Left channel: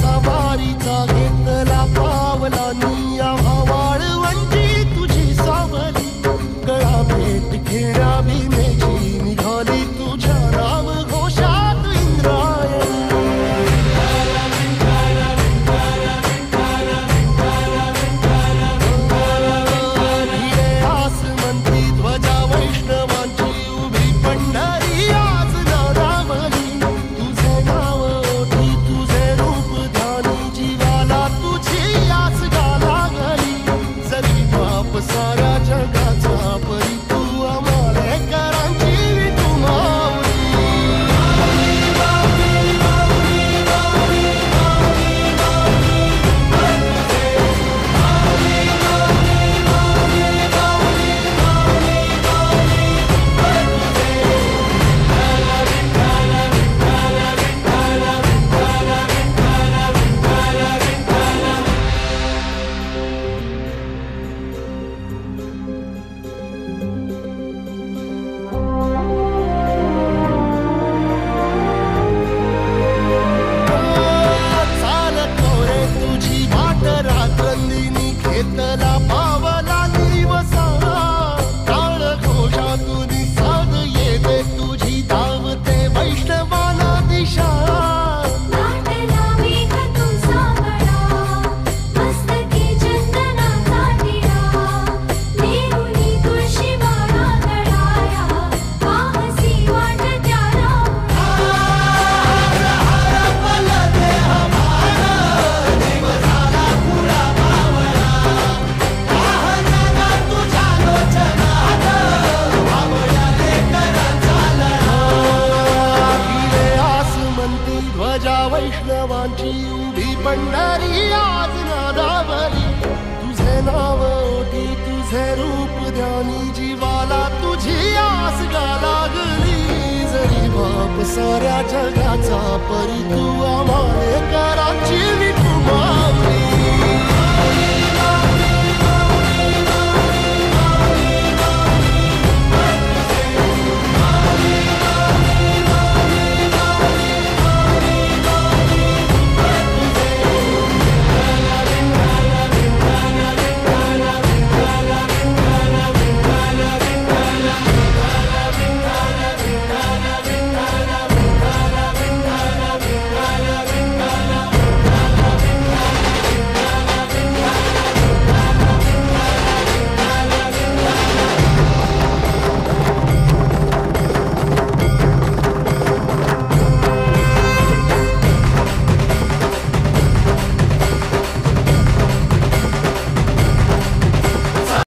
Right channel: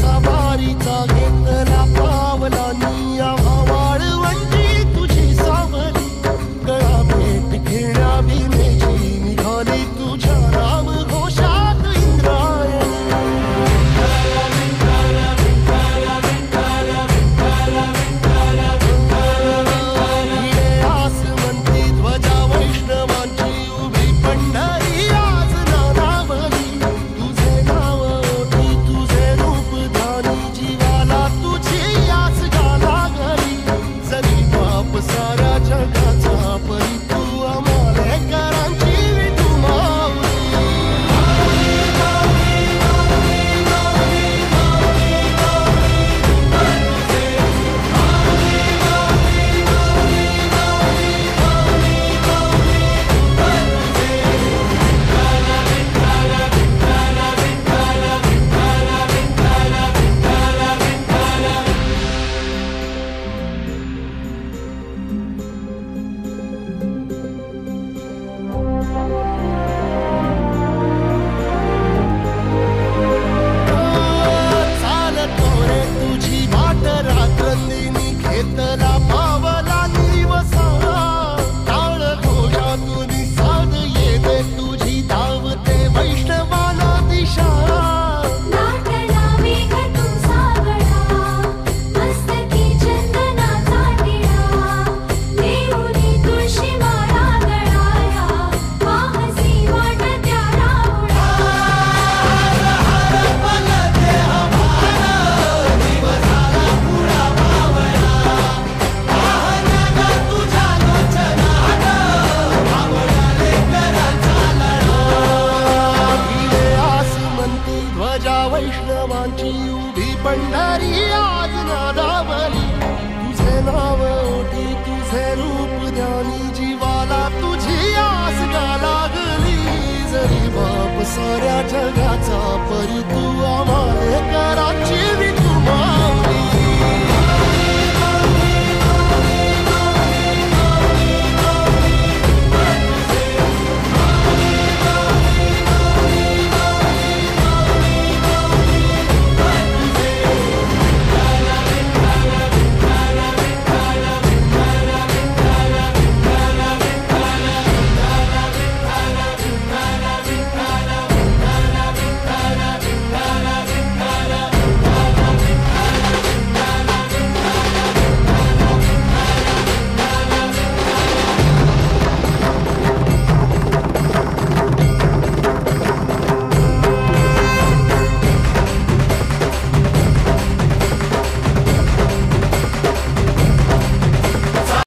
सवारीचा घेतला पावला निया वाळवंटी तुझी सावली गळा भेट घेण्या भीमेची निघाली तुझ्या नाम घोषात इंद्रायणी भिडे आसमंती ध्वजा वैष्णवांची उभी पंढरी आज नानावली तुझे नाव ओठी तुझे रूप ध्यानी जीवाला तुझी आस गाला गली जरी बाप साऱ्या जगाचा परी तू आमालेकरांची विठू माऊली रात्रंदिनी घेतला पावला दिवसा टाळ घोषातून साध येते तुझी धावते वैष्णवाला दिशा ध्वजा वैष्णवांची उभी पंढरी आज नादावली तुझे नाव ओठी तुझे रूप ध्यानी जीवाला तुझी आस गा लागली जरी बाप साऱ्या जगाचा परी तू आम्हाले कर